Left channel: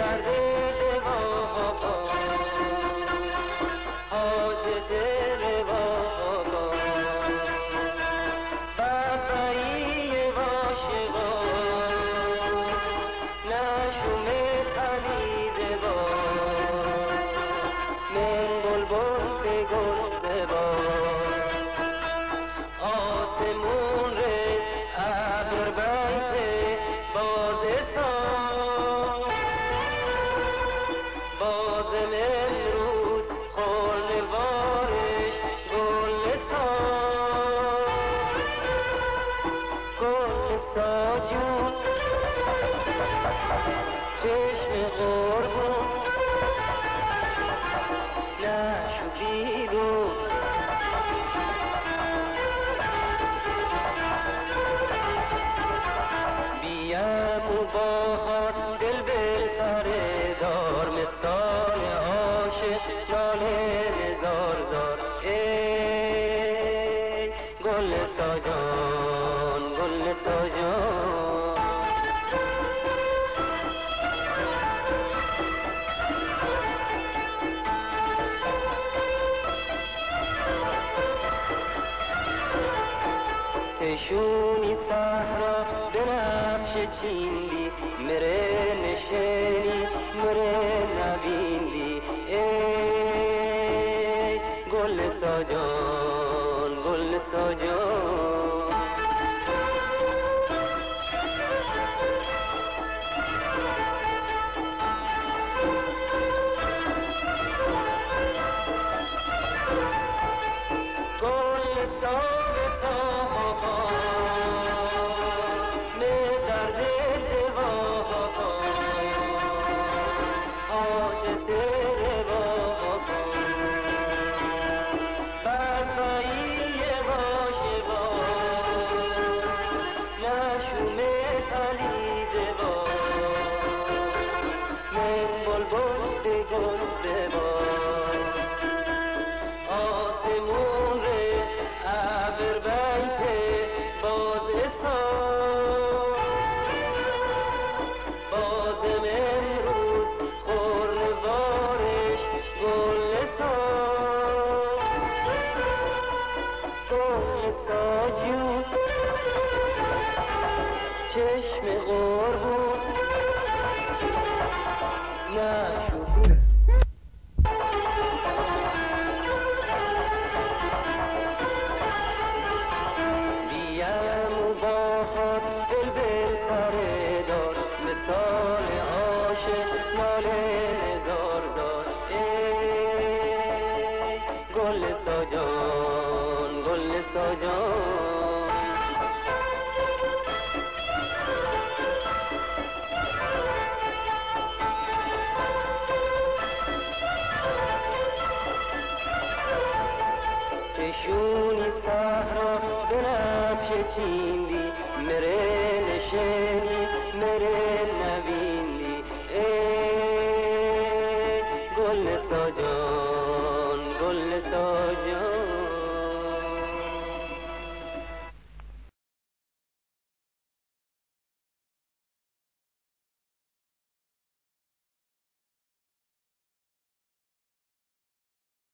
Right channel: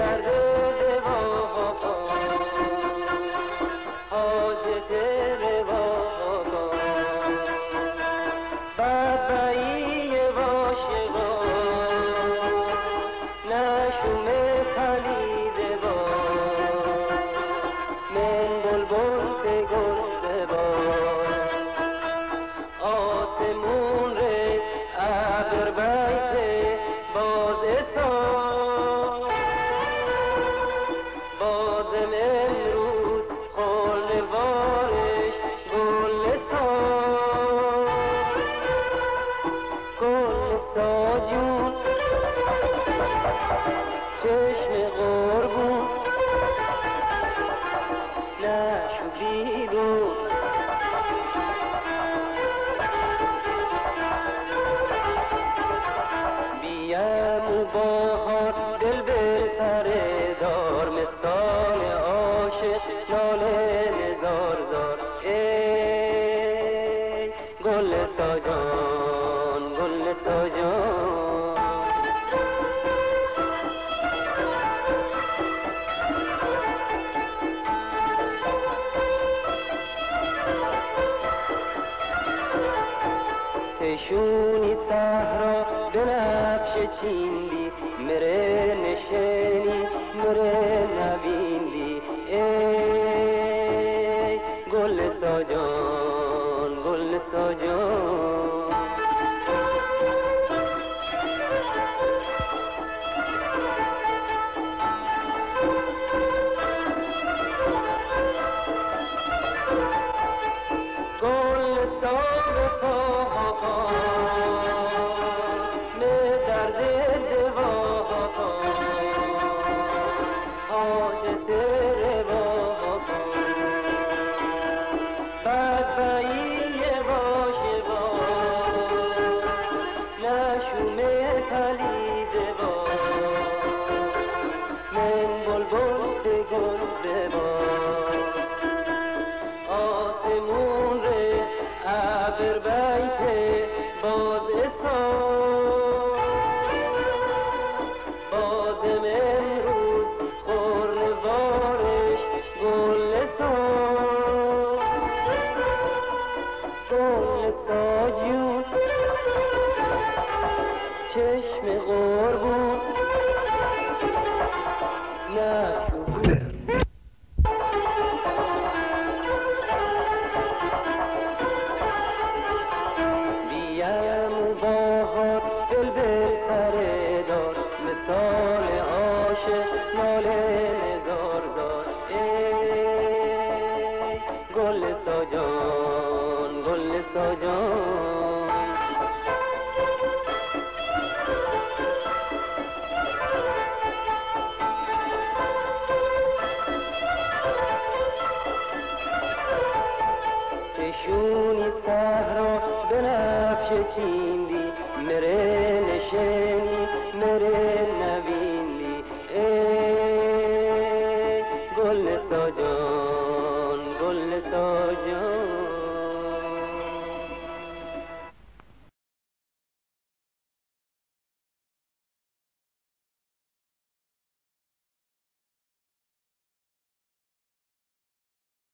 درد دوا حاجت روا بفعی واشقا نشوم پدید با من بلبل گل با آسمون رد ابر بیت بازستان بازم امروز خال بارش گلستان گلستا جون چشم قربون نشو بیرون بیم بهار دل به سر دار مثال عاشق ناله زار زار ای گلستا جان گلستا جان تشونی صحرا بنفش چیندی مره نشنی مره نبیندی ای گلستا جان گلستا جان گلستا به پا حاجت روا بدبعی واشقا نشوم پرید با من بلبل گل با آسمون ابر بیت بازستان بازم امروز خور بارش گلستان گلستا جون چشم قربون نه گلستا جان گلستا جان تشونی صحرا بنفش چین